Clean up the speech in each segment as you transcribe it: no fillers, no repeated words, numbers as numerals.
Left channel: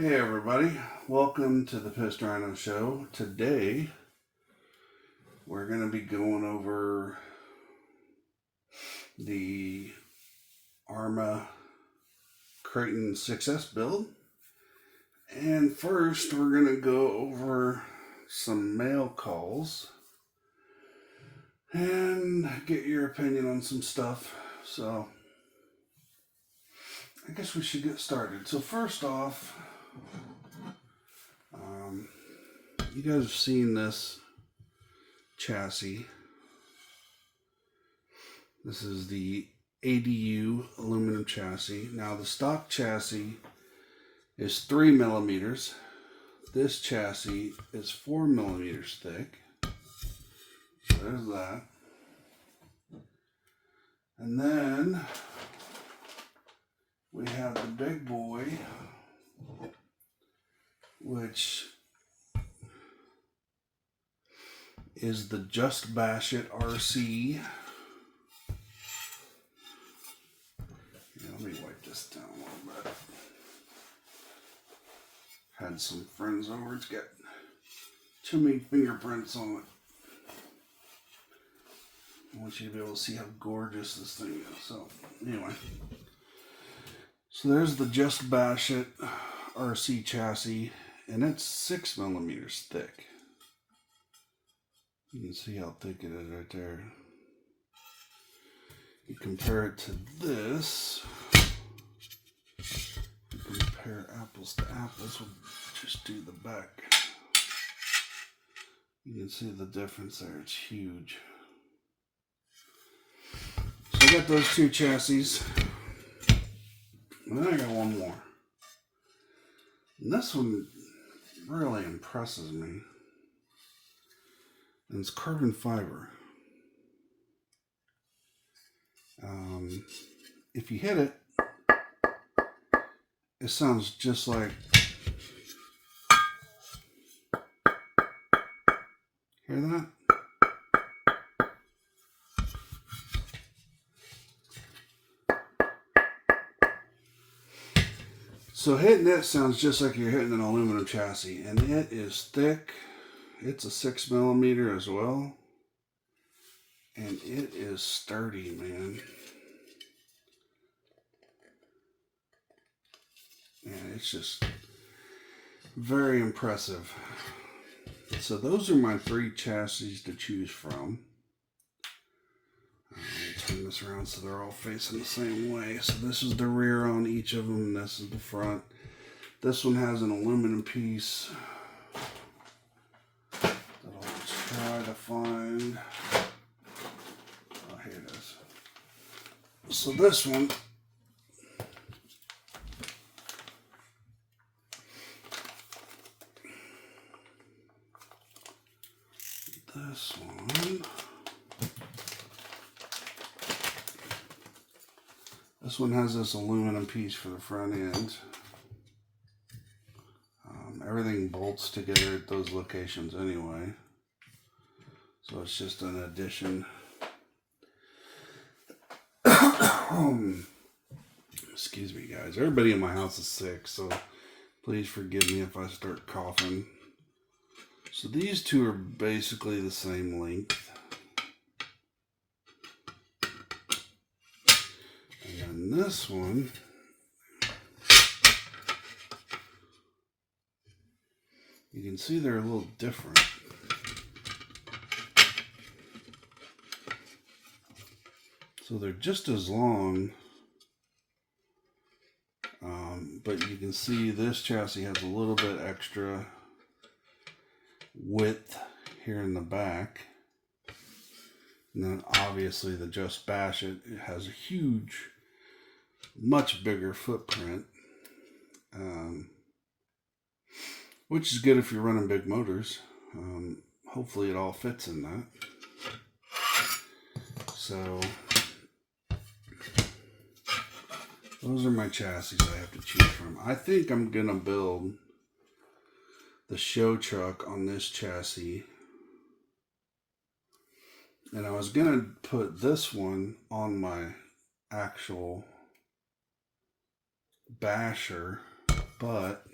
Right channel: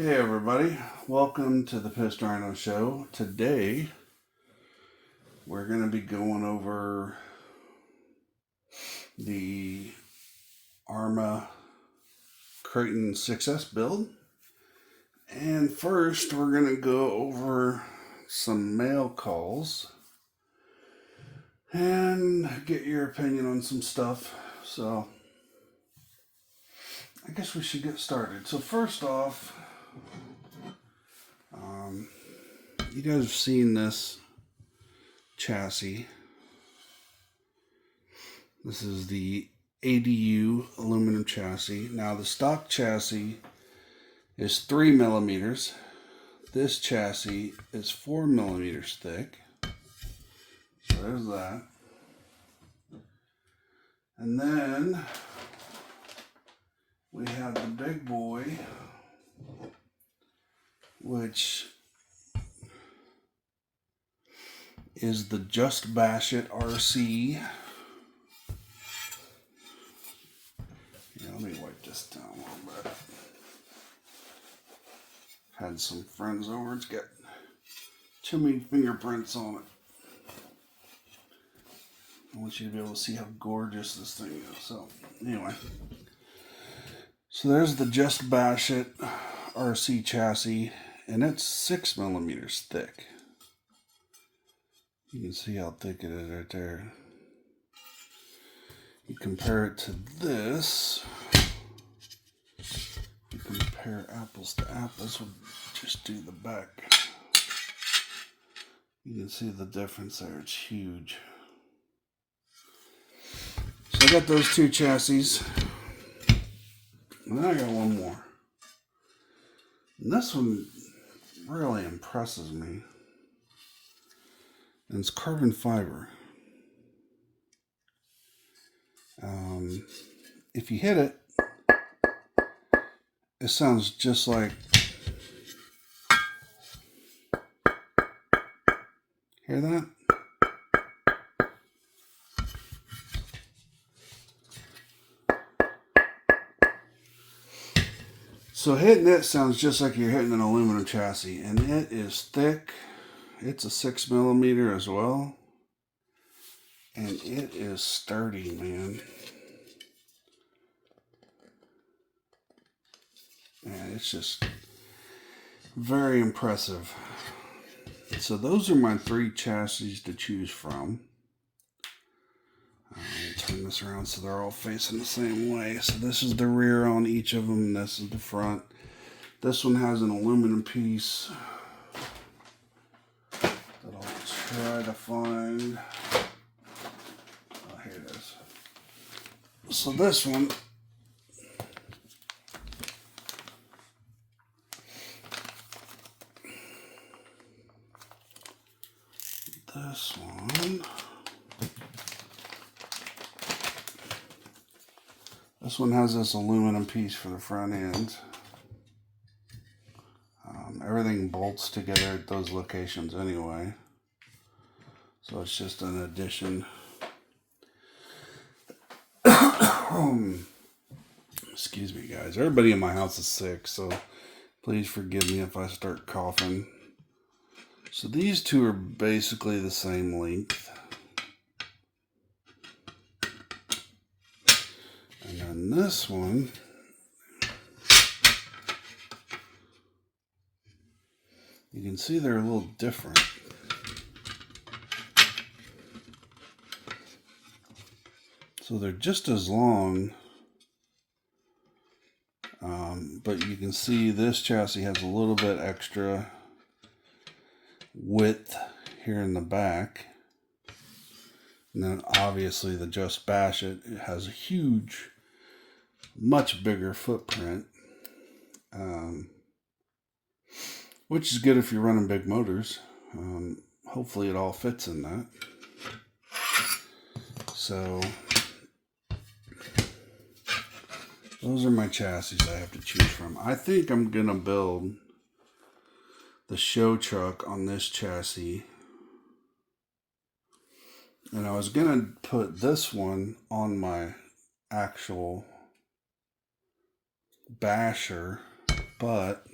Hey everybody, welcome to the Pissed Rhino show. Today we're going to be going over the Arrma Kraton 6S build. And first we're going to go over some mail calls and get your opinion on some stuff. So I guess we should get started. So first off, you guys have seen this chassis. This is the ADU aluminum chassis. Now the stock chassis is 3 millimeters. This chassis is 4 millimeters thick. So there's that. And then we have the big boy, which is the Just Bash It RC. Yeah, let me wipe this down a little bit. Had some friends over. It's got too many fingerprints on it. I want you to be able to see how gorgeous this thing is. So, anyway. So there's the Just Bash It RC chassis, and it's 6 millimeters thick. You can see how thick it is right there. You compare it to this. You compare apples to apples. We'll just do the back. You can see the difference there. It's huge. So I got those two chassis. And then I got one more. And this one really impresses me. And it's carbon fiber. If you hit it, it sounds just like, hear that? So hitting it sounds just like you're hitting an aluminum chassis, and it is thick. It's a 6 millimeter as well. And it is sturdy, man. And it's just very impressive. So those are my 3 chassis to choose from. Turn this around so they're all facing the same way. So this is the rear on each of them. This is the front. This one has an aluminum piece that I'll try to find. Oh, here it is. So this one This one has this aluminum piece for the front end. Everything bolts together at those locations anyway. So it's just an addition. Excuse me, guys. Everybody in my house is sick, so please forgive me if I start coughing. So these two are basically the same length. And then this one, you can see they're a little different. So they're just as long, but you can see this chassis has a little bit extra width here in the back. And then obviously the Just Bash It has a huge, much bigger footprint, which is good if you're running big motors. Hopefully it all fits in that. So those are my chassis I have to choose from. I think I'm going to build the show truck on this chassis. And I was going to put this one on my actual basher, but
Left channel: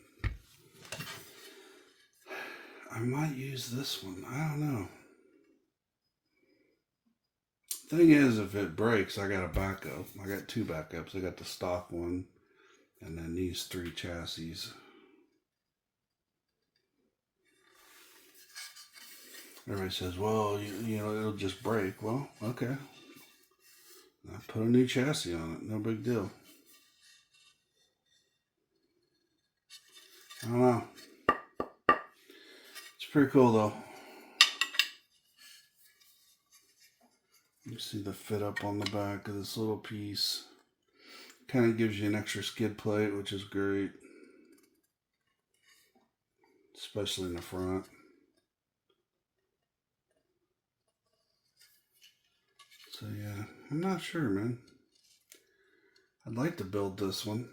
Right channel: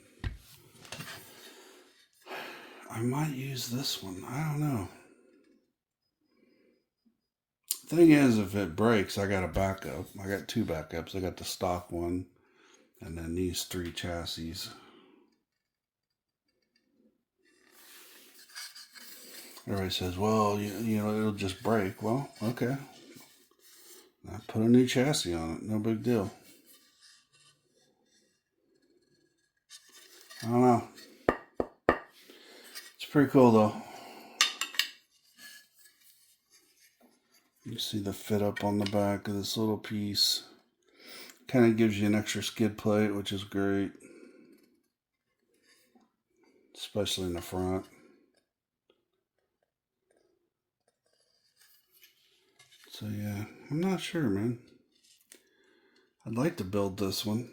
I might use this one. I don't know. Thing is, if it breaks, I got a backup. I got 2 backups. I got the stock one and then these 3 chassis. Everybody says, well, you know, it'll just break. Well, okay. I put a new chassis on it. No big deal. I don't know. It's pretty cool, though. You see the fit up on the back of this little piece. Kind of gives you an extra skid plate, which is great. Especially in the front. So yeah, I'm not sure, man. I'd like to build this one.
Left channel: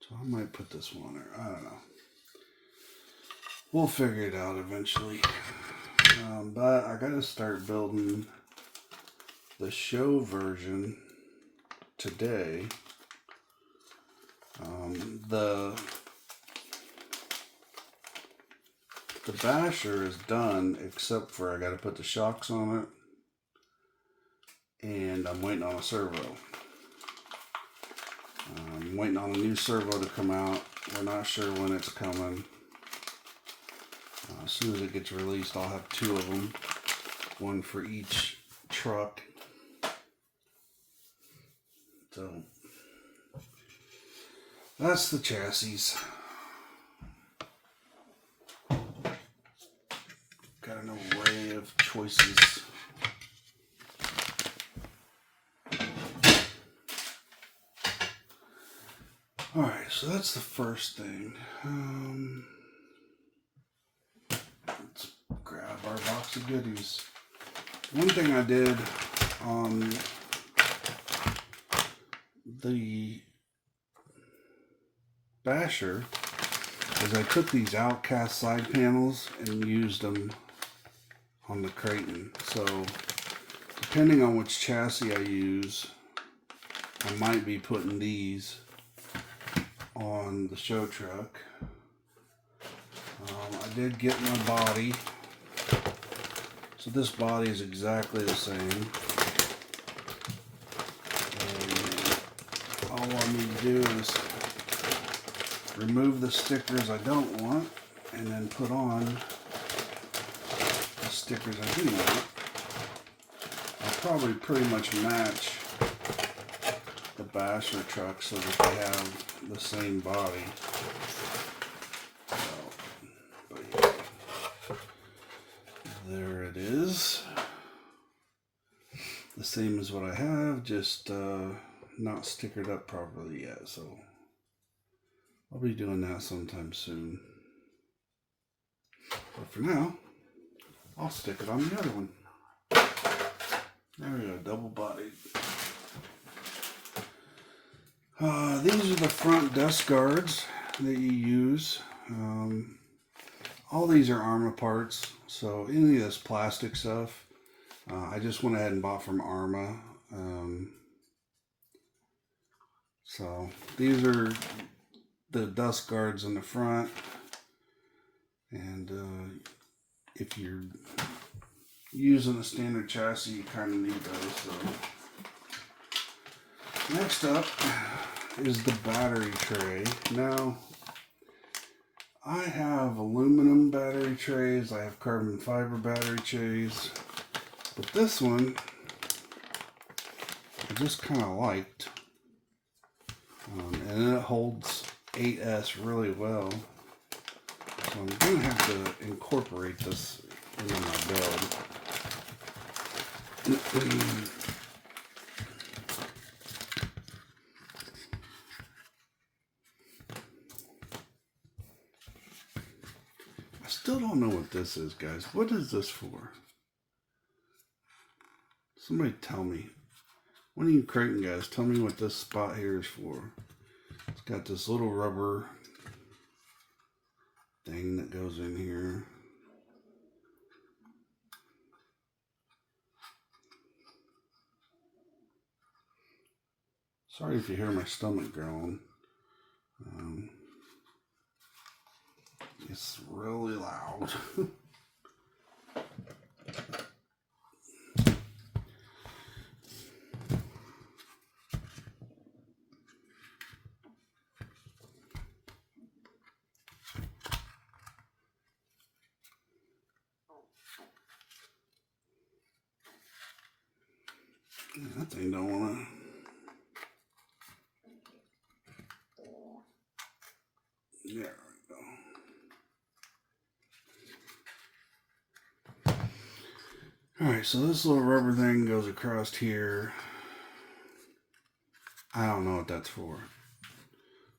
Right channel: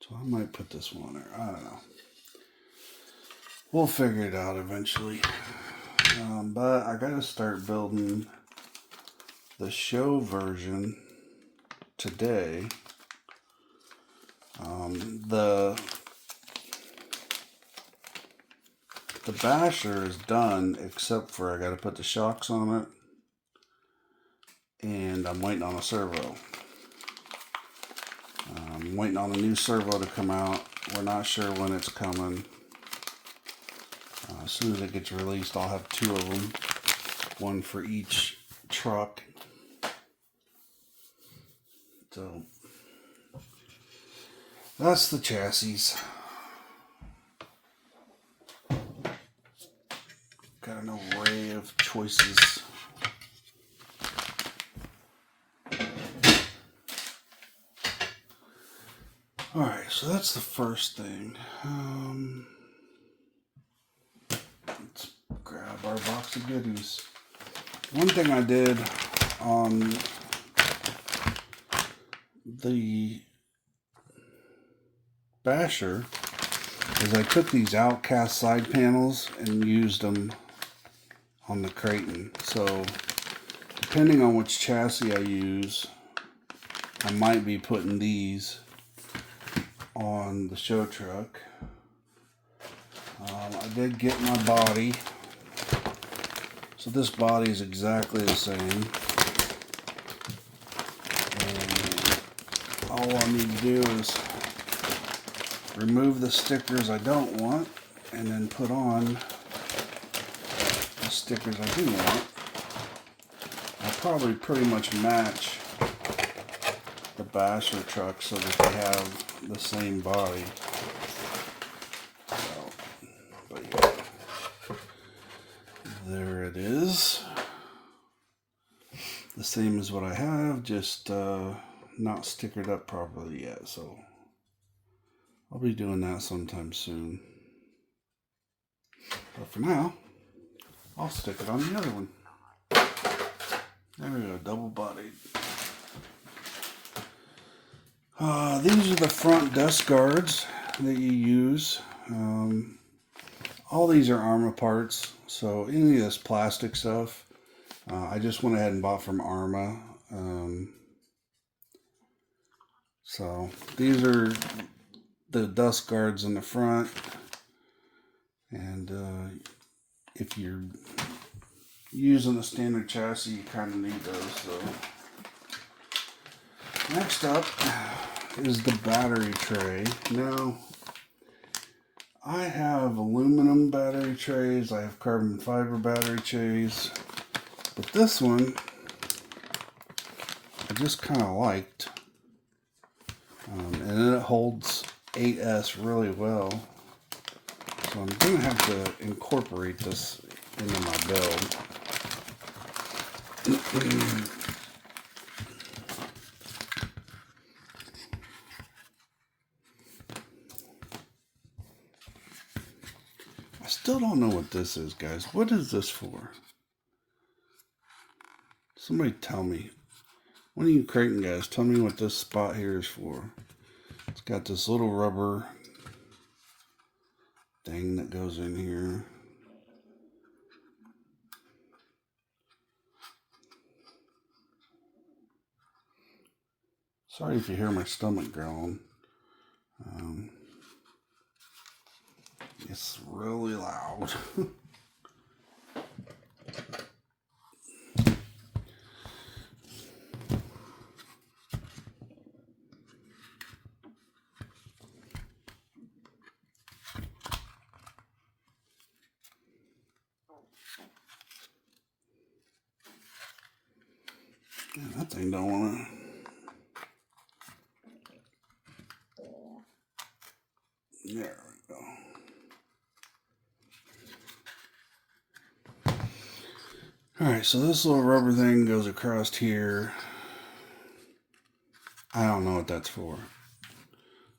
So I might put this one on there. I don't know. We'll figure it out eventually. But I gotta start building the show version today. The basher is done, except for I gotta put the shocks on it. And I'm waiting on a servo. I'm waiting on a new servo to come out. We're not sure when it's coming. As soon as it gets released, I'll have 2 of them. One for each truck. So, that's the chassis. Got an array of choices. Alright, so that's the first thing. Let's grab our box of goodies. One thing I did on the basher is I took these outcast side panels and used them on the Kraton. So depending on which chassis I use, I might be putting these on the show truck. I did get my body. So this body is exactly the same. And all I need to do is remove the stickers I don't want and then put on the stickers I do want. I'll probably pretty much match the basher truck so that they have the same body. There it is. The same as what I have, just not stickered up properly yet. So I'll be doing that sometime soon. But for now, I'll stick it on the other one. There we go, double bodied. These are the front dust guards that you use. All these are Arrma parts, so any of this plastic stuff, I just went ahead and bought from Arrma. So these are the dust guards in the front, and if you're using a standard chassis, you kind of need those. So next up is the battery tray. Now, I have aluminum battery trays, I have carbon fiber battery trays, but this one I just kind of liked, and it holds 8S really well, so I'm going to have to incorporate this into my build. I still don't know what this is, guys. What is this for? Somebody tell me. One of you Kraton guys, tell me what this spot here is for. It's got this little rubber thing that goes in here. Sorry if you hear my stomach growling. it's really loud. That thing don't want to. There we go. Alright, so this little rubber thing goes across here. I don't know what that's for.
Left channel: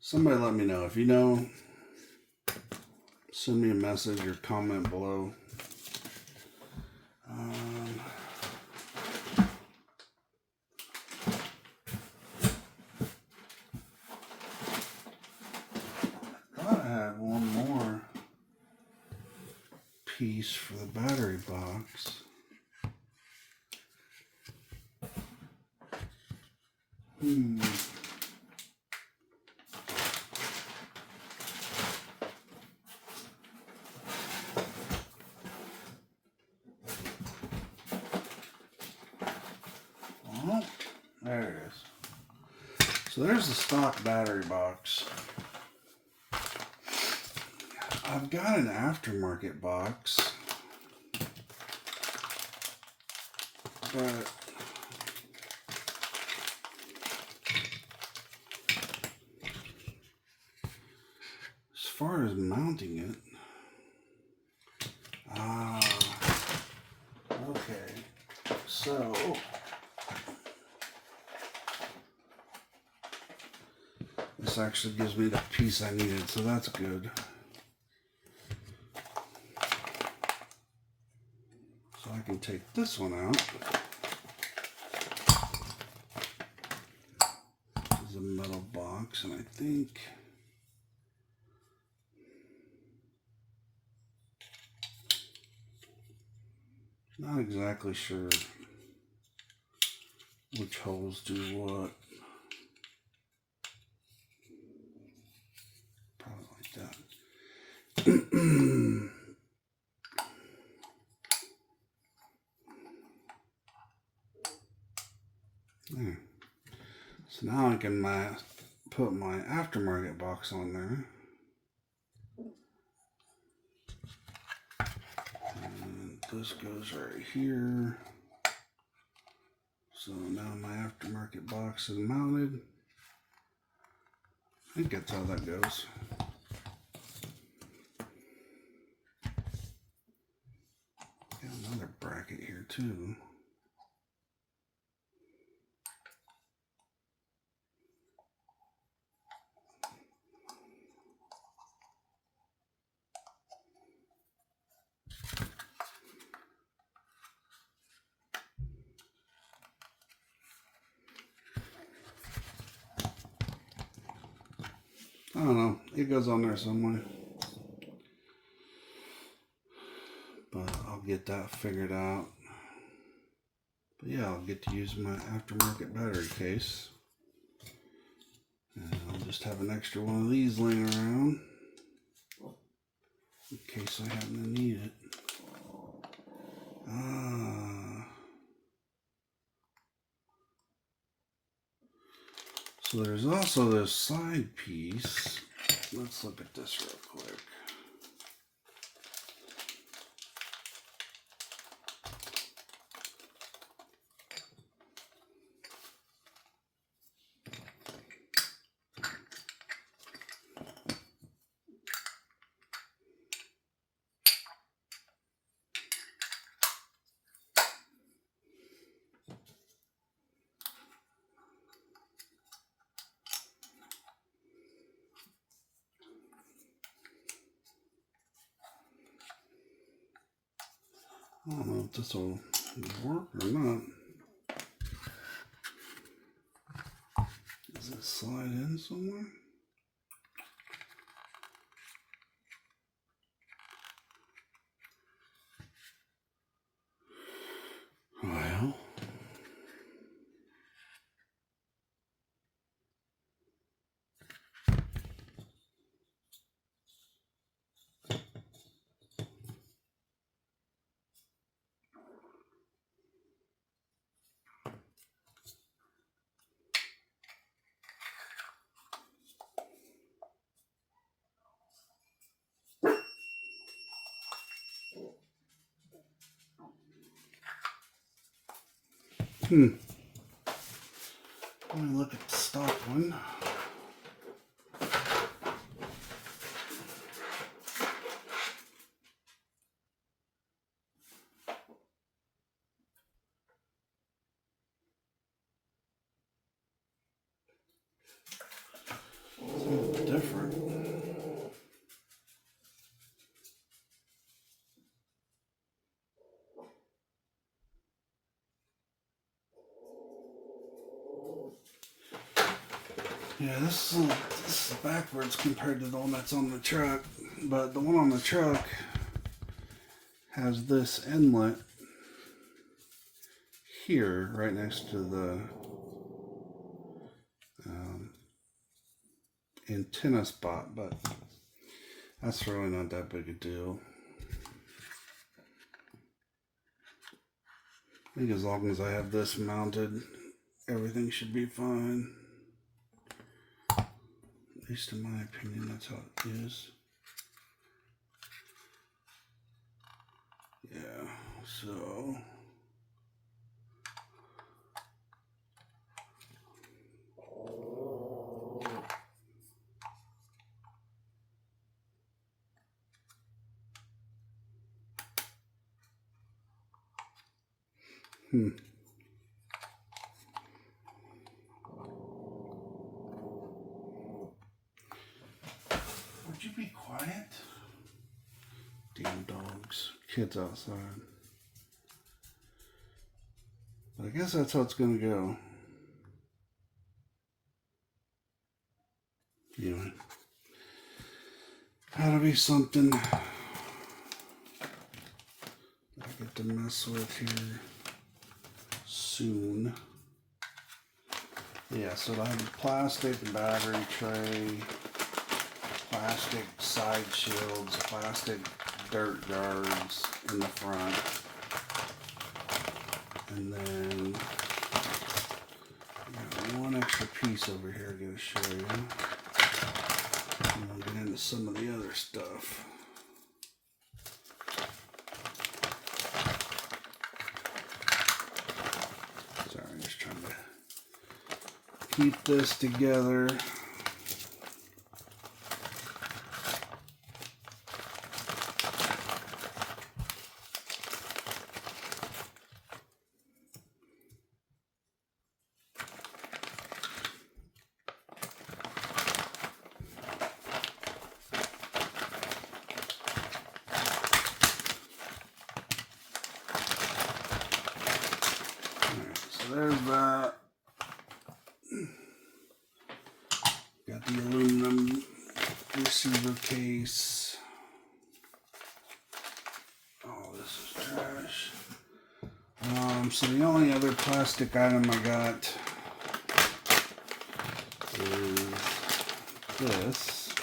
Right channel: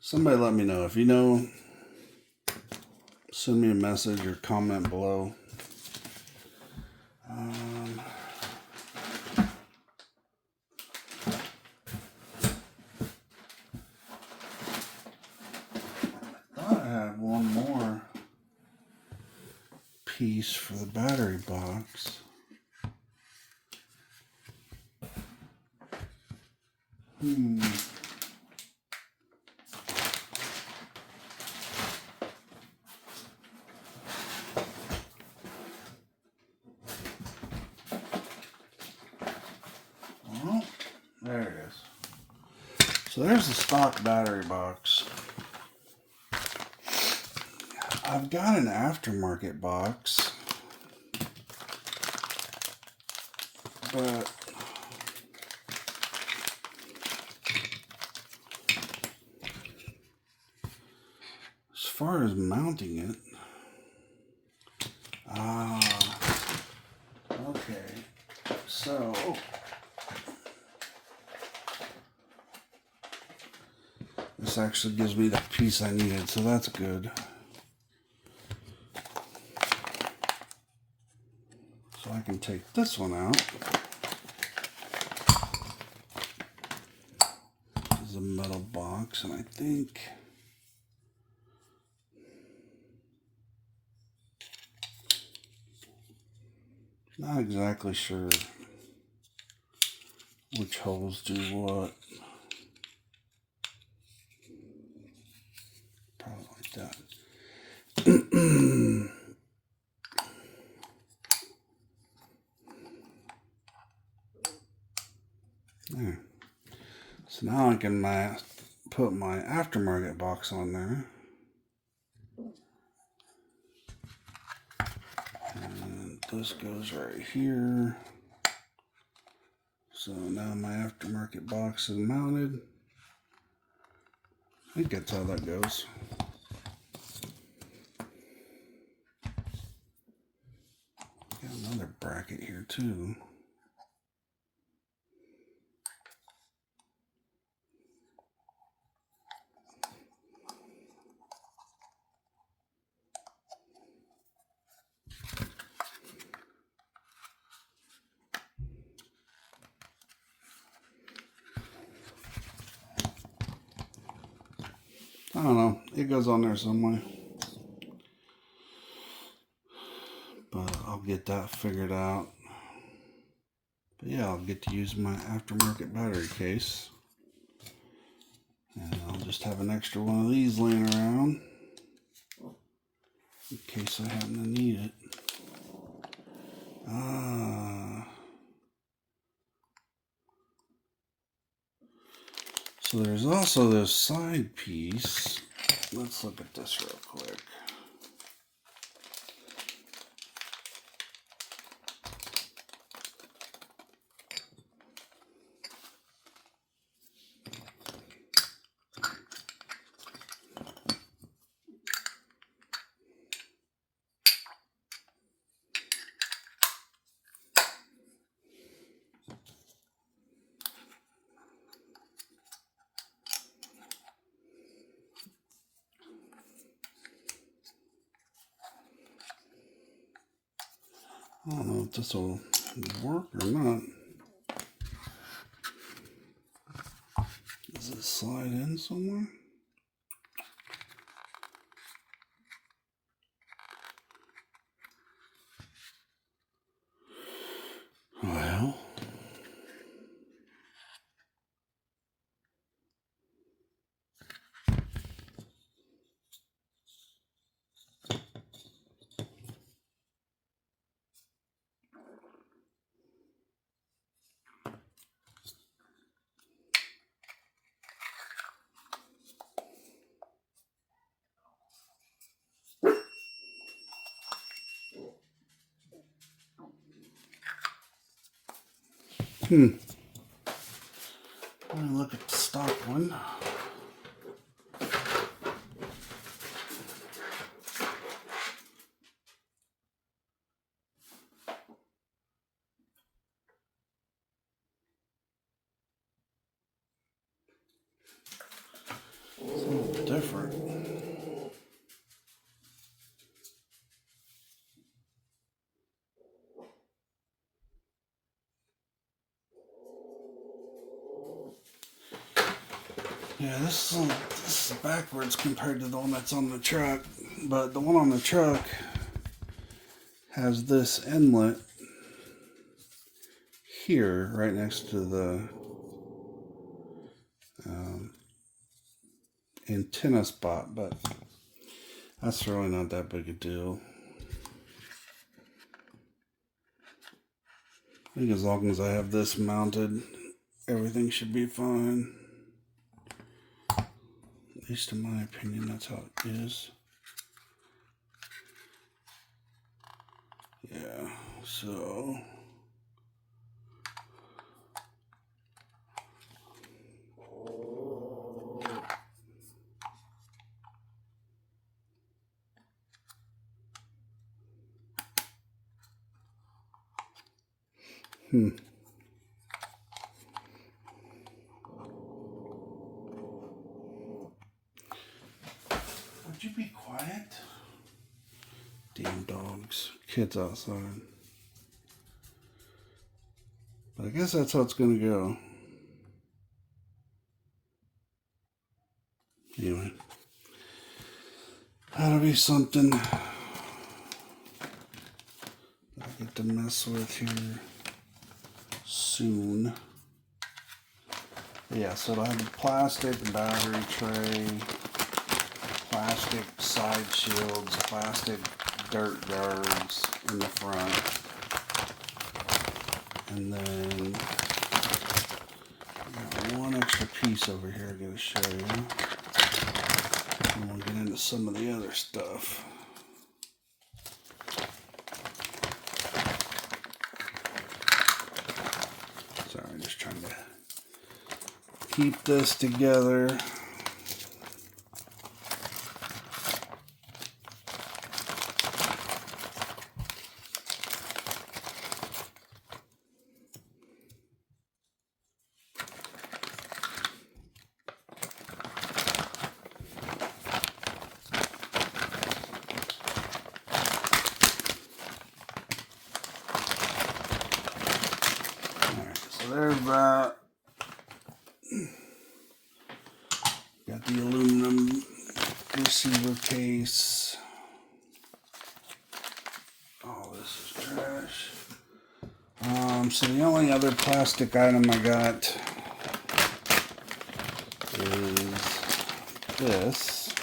Somebody let me know. If you know, send me a message or comment below. One more piece for the battery box. Well, there it is. So there's the stock battery box. I've got an aftermarket box, but as far as mounting it, okay, so this actually gives me the piece I needed, so that's good. So I can take this one out. This is a metal box, and I think not exactly sure which holes do what. Probably like that. There. So now I can put my aftermarket box on there. And this goes right here. So now my aftermarket box is mounted. I think that's how that goes. Got another bracket here too. I don't know, it goes on there somewhere. But I'll get that figured out. But yeah, I'll get to use my aftermarket battery case. And I'll just have an extra one of these laying around in case I happen to need it. So there's also this side piece. Let's look at this real quick. I don't know if this will work or not. Does it slide in somewhere? Well, Let me look at the stock one. It's a little different. Yeah, this is backwards compared to the one that's on the truck, but the one on the truck has this inlet here right next to the antenna spot, but that's really not that big a deal. I think as long as I have this mounted, everything should be fine. At least in my opinion, that's how it is. Yeah, so would you be quiet? Damn dogs. Kids outside. But I guess that's how it's gonna go. Anyway. That'll be something I get to mess with here soon. Yeah, so I have a plastic battery tray, plastic side shields, plastic dirt guards in the front, and then I got one extra piece over here I'm going to show you. And we'll get into some of the other stuff. Sorry, just trying to keep this together. There's that. Got the aluminum receiver case. Oh, this is trash. So the only other plastic item I got is this,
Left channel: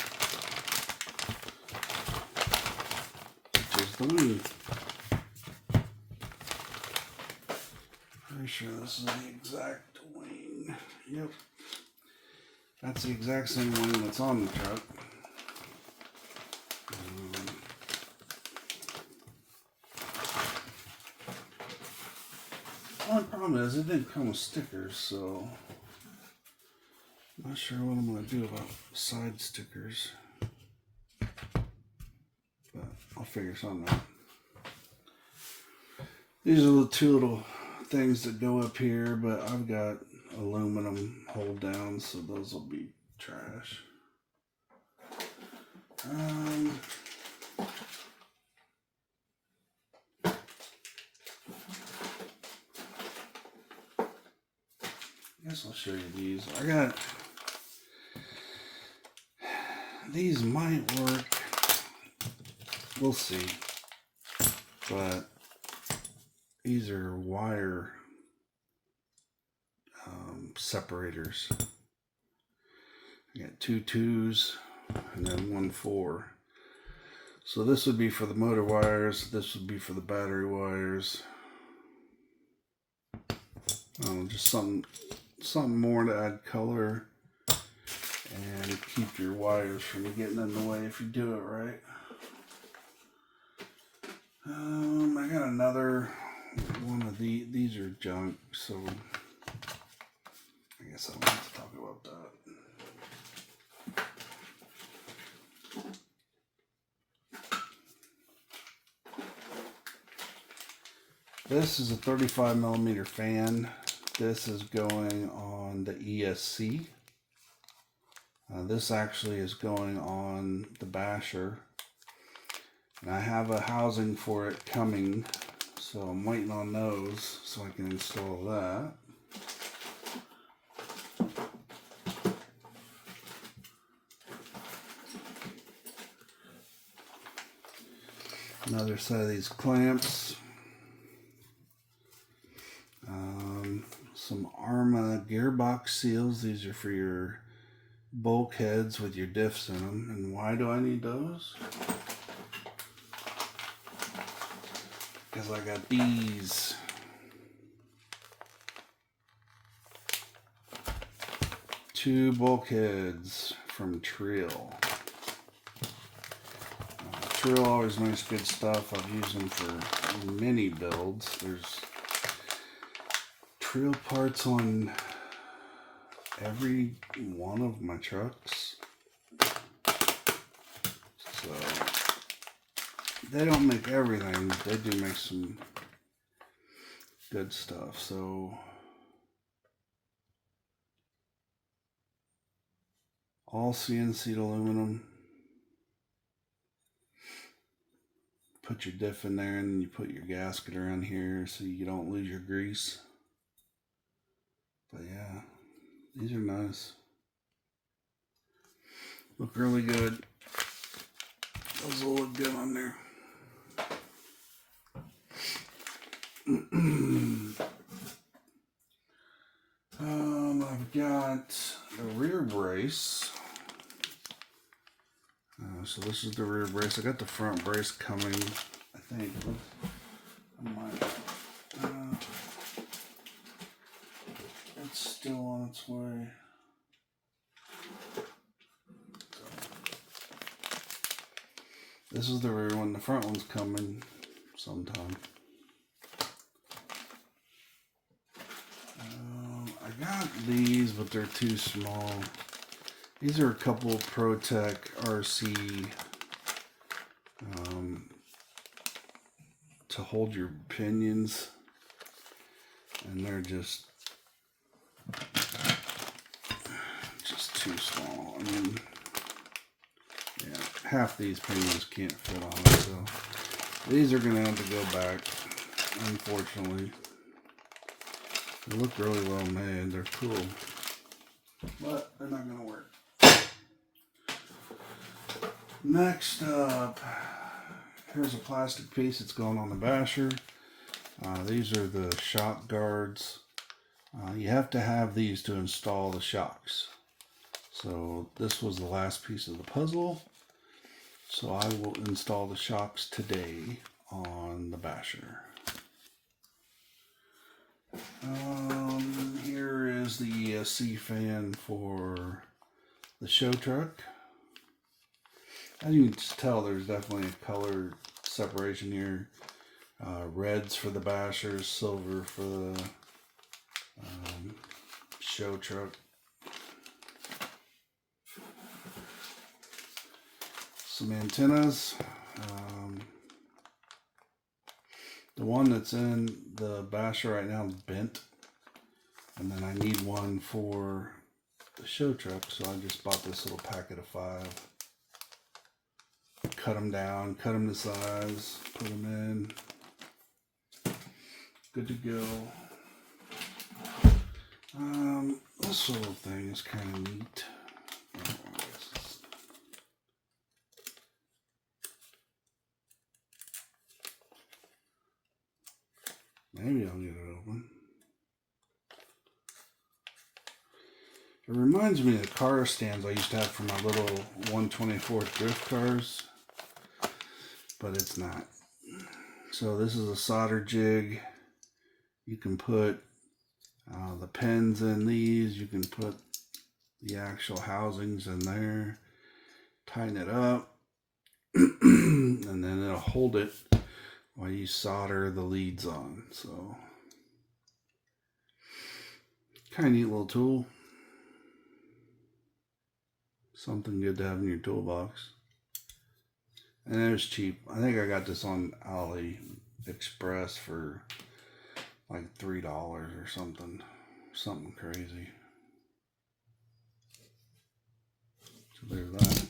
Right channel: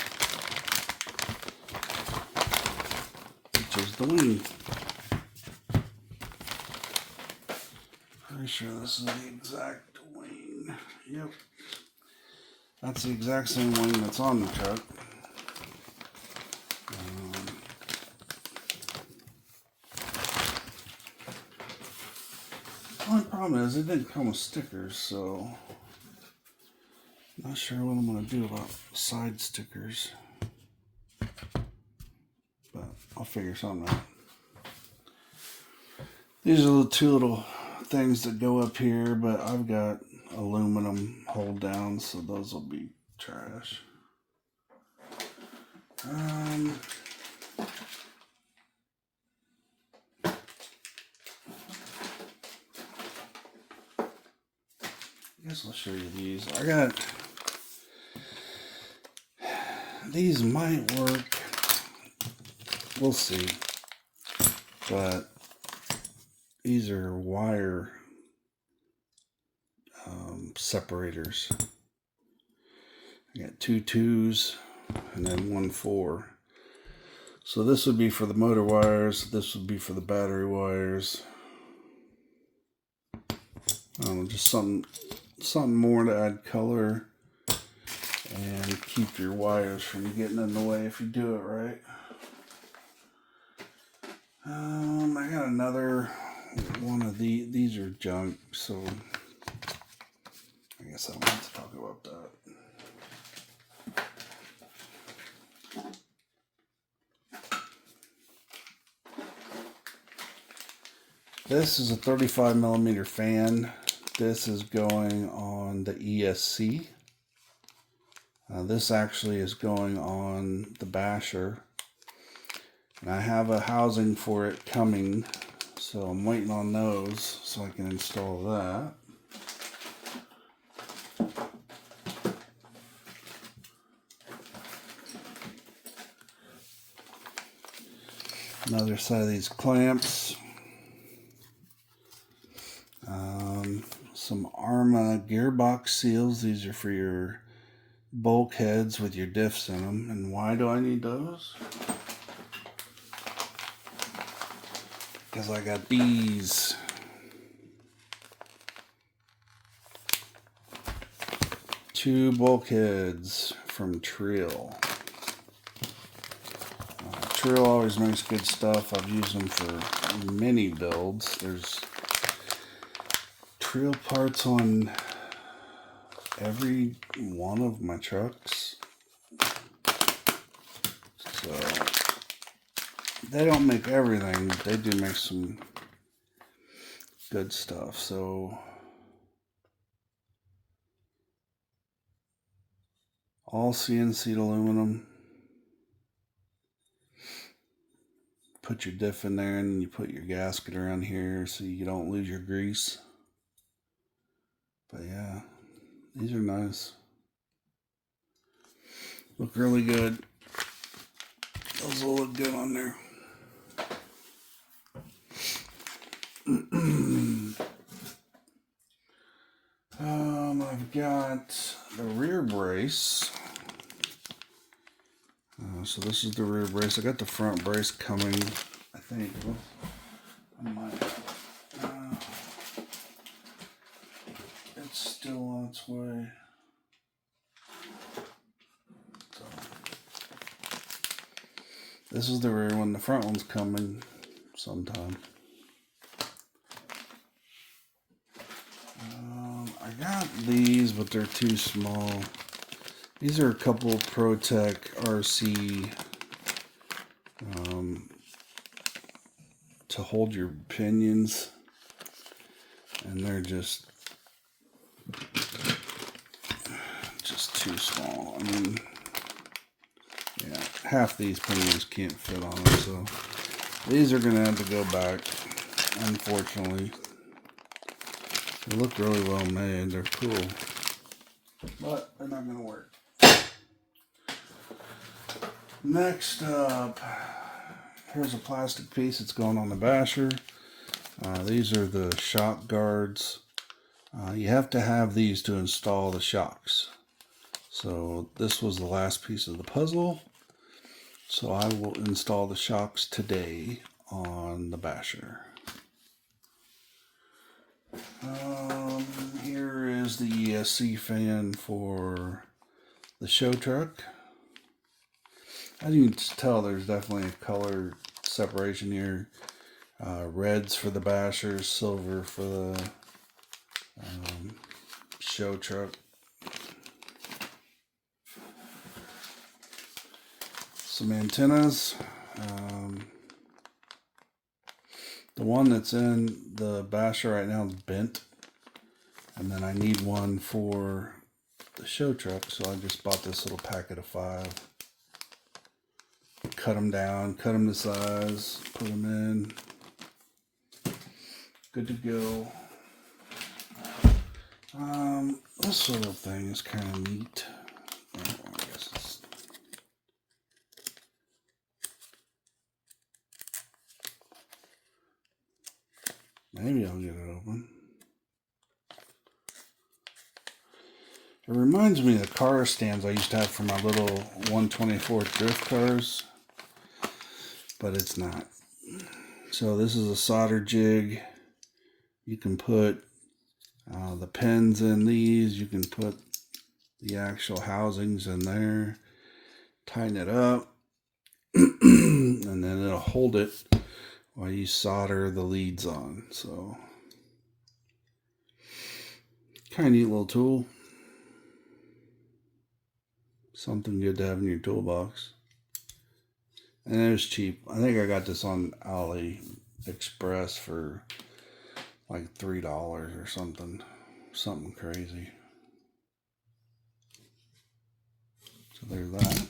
which is the wing. Pretty sure this is the exact wing. Yep. That's the exact same wing that's on the truck. The only problem is it didn't come with stickers, so I'm not sure what I'm going to do about side stickers. But I'll figure something out. These are the two little things that go up here, but I've got aluminum hold down, so those will be trash. I guess I'll show you these. I got these might work. We'll see. But these are wire separators. I got 2 2s and then 1 4. So this would be for the motor wires. This would be for the battery wires. Just something more to add color and keep your wires from getting in the way if you do it right. I got another one of these are junk, so I guess I don't have to talk about that. This is a 35 millimeter fan. This is going on the ESC. This actually is going on the basher. And I have a housing for it coming, so I'm waiting on those so I can install that. Another set of these clamps. Some Arrma gearbox seals. These are for your bulkheads with your diffs in them. And why do I need those? Because I got these. Two bulkheads from Trill. Trill always makes good stuff. I've used them for many builds. There's Trill parts on every one of my trucks. So they don't make everything, but they do make some good stuff. So all CNC aluminum. Put your diff in there and you put your gasket around here so you don't lose your grease. But yeah, these are nice. Look really good. Those will look good on there. I've got the rear brace. So this is the rear brace. I got the front brace coming, I think. I might. It's still on its way. So, this is the rear one. The front one's coming sometime. I got these, but they're too small. These are a couple ProTech RC to hold your pinions, and they're just too small. I mean, yeah, half these pinions can't fit on them, so these are gonna have to go back, unfortunately. They look really well made. They're cool, but they're not gonna work. Next up, here's a plastic piece that's going on the basher. These are the shock guards. You have to have these to install the shocks. So this was the last piece of the puzzle. So I will install the shocks today on the basher. Here is the ESC fan for the show truck. As you can tell, there's definitely a color separation here. Reds for the bashers, silver for the show truck. Some antennas. The one that's in the basher right now is bent. And then I need one for the show truck, so I just bought this little packet of 5. Cut them down, cut them to size, put them in. Good to go. This little thing is kind of neat. Oh, I guess it's... Maybe I'll get it open. It reminds me of car stands I used to have for my little 124 drift cars, but it's not. So this is a solder jig. You can put the pins in these. You can put the actual housings in there. Tighten it up, and then it'll hold it while you solder the leads on. So, kind of neat little tool. Something good to have in your toolbox. And it was cheap. I think I got this on AliExpress for like $3 or something. Something crazy. So there's that.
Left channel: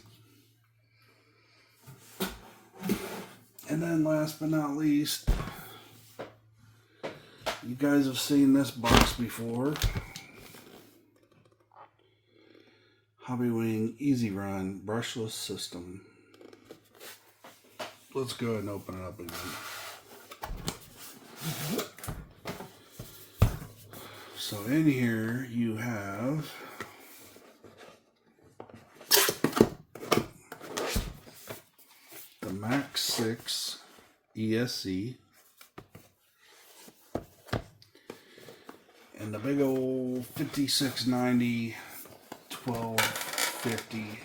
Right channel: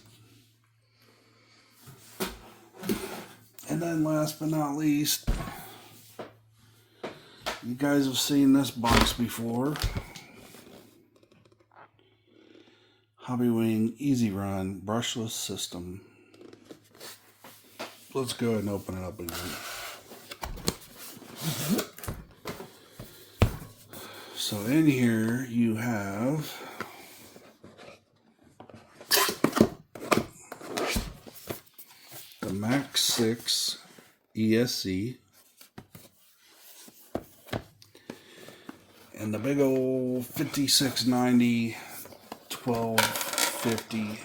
And then last but not least, you guys have seen this box before. Hobbywing Easy Run brushless system. Let's go ahead and open it up again. So in here you have the Max 6 ESC and the big old 5690 1250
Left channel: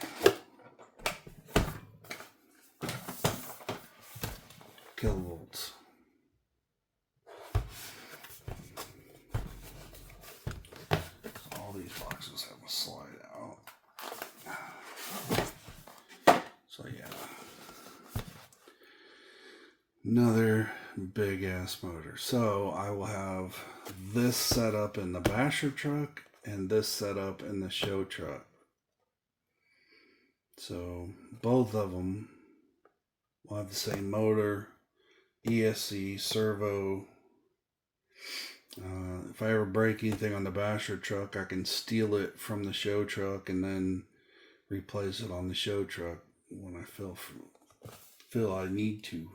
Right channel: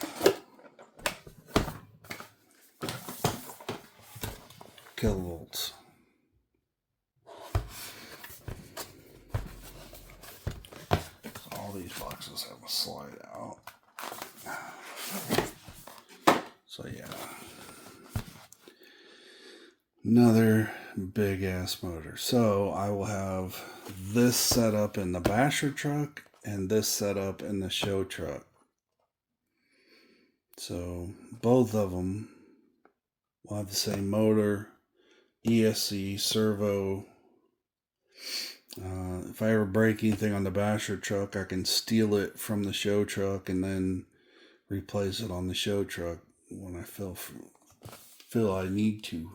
kilovolts. All these boxes have a slide out. So yeah, another big ass motor. So I will have this set up in the basher truck and this set up in the show truck. So both of them will have the same motor, ESC, servo. If I ever break anything on the basher truck, I can steal it from the show truck and then replace it on the show truck when I feel I need to.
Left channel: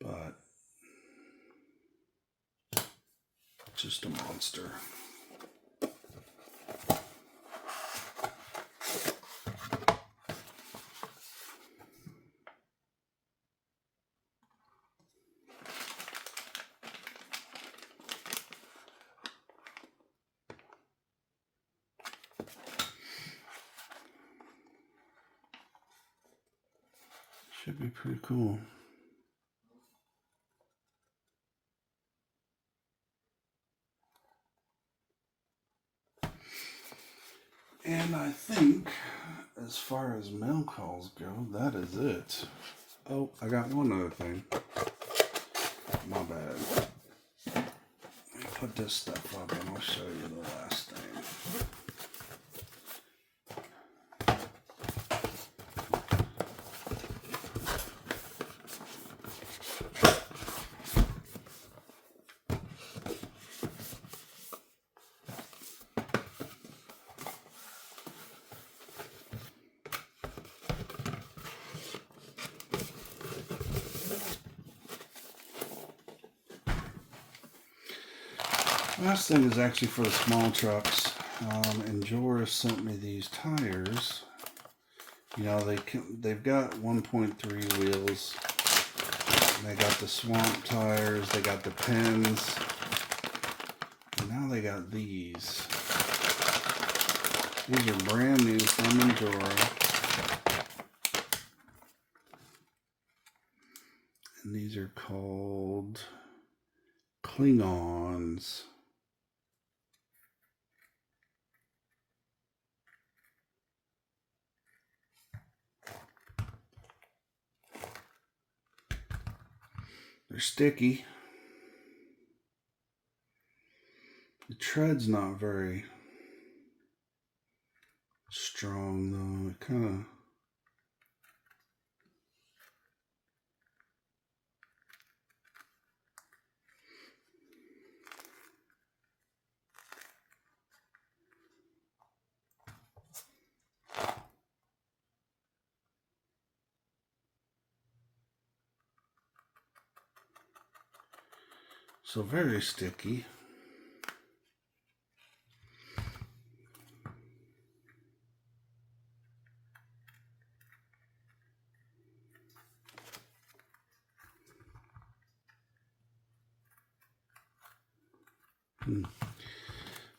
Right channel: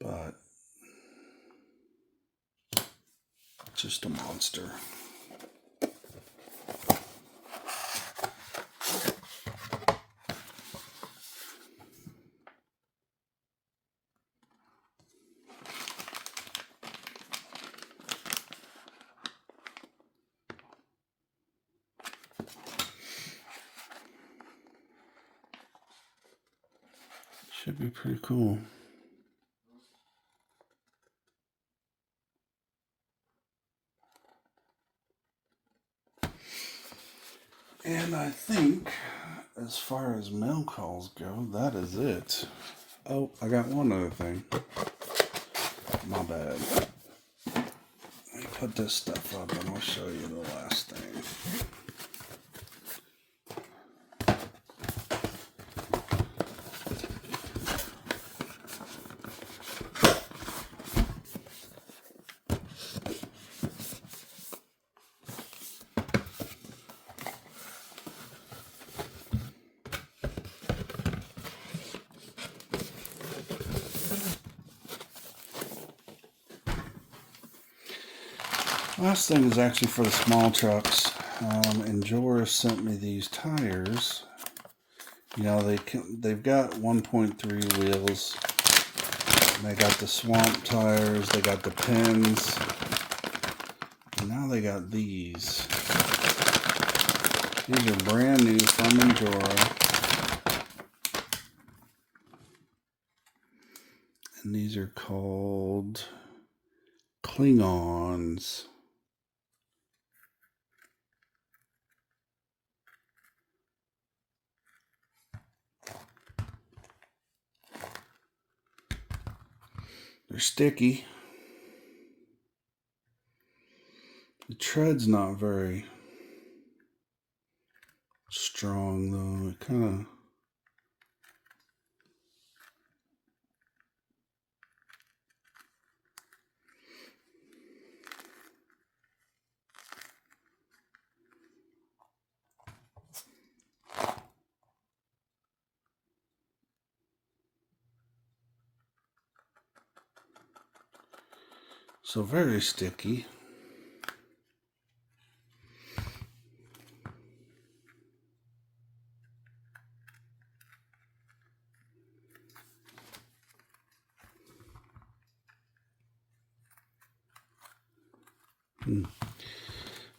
But just a monster. Should be pretty cool. And I think, as far as mail calls go, that is it. Oh, I got one other thing. My bad. Let me put this stuff up and I'll show you the last thing. Last thing is actually for the small trucks. And Joris sent me these tires. You know, they've got 1.3 wheels. And they got the swamp tires. They got the pins. And now they got these. These are brand new from Endura. And these are called Klingons. They're sticky. The tread's not very strong though. It kind of so very sticky.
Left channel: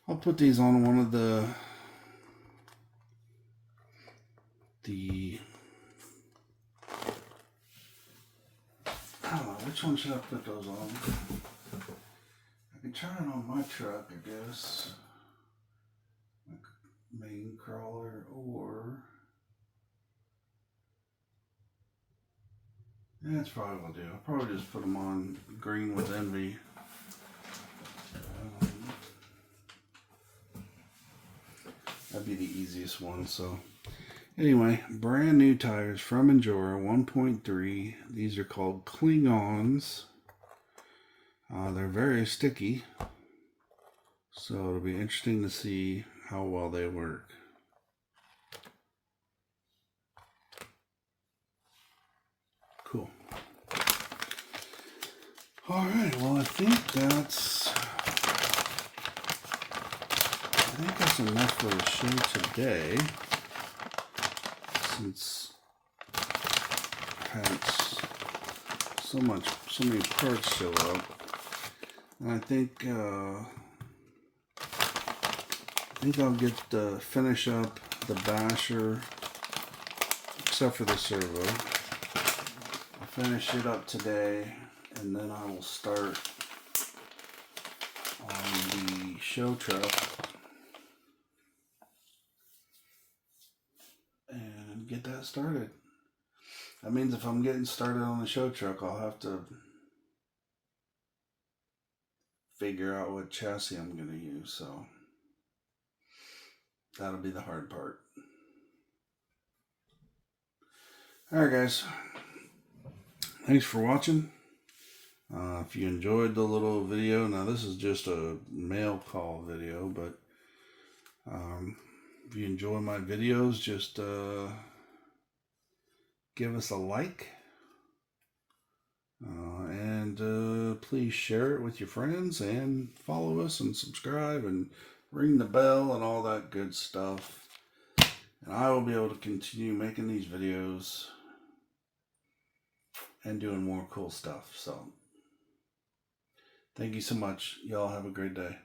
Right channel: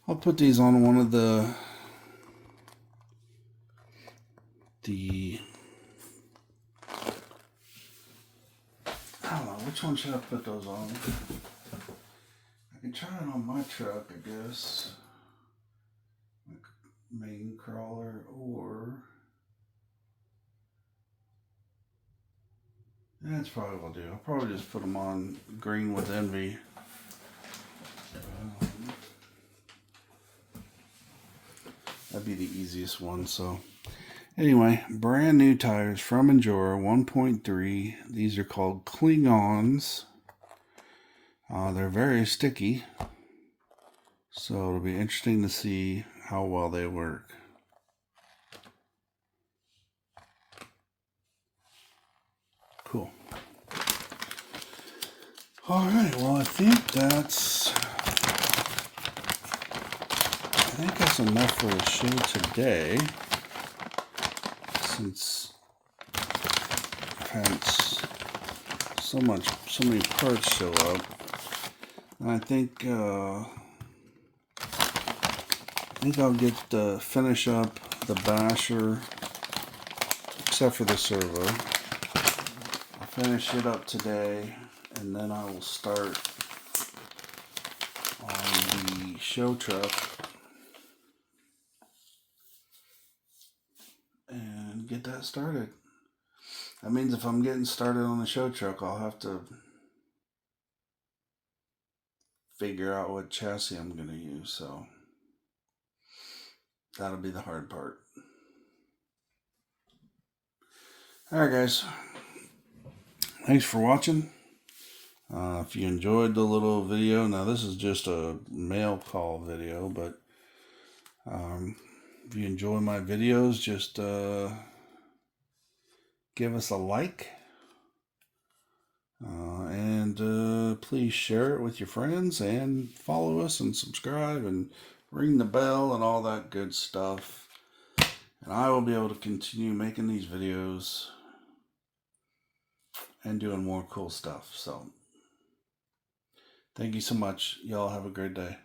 I'll put these on one of the which one should I put those on? I can try it on my truck, I guess. Main crawler, or that's probably what I'll do. I'll probably just put them on green with envy. That'd be the easiest one. So anyway, brand new tires from Endura 1.3. These are called Klingons. They're very sticky, so it'll be interesting to see how well they work. Cool. All right, well, I think that's enough for the show today, since I've had so many parts show up. And I think I'll get finish up the basher, except for the servo. I'll finish it up today, and then I will start on the show truck and get that started. That means if I'm getting started on the show truck, I'll have to figure out what chassis I'm going to use, so that'll be the hard part. Alright guys, thanks for watching. If you enjoyed the little video, now this is just a mail call video, but if you enjoy my videos, just give us a like, and please share it with your friends, and follow us and subscribe and ring the bell and all that good stuff, and I will be able to continue making these videos and doing more cool stuff. So thank you so much. Y'all have a great day.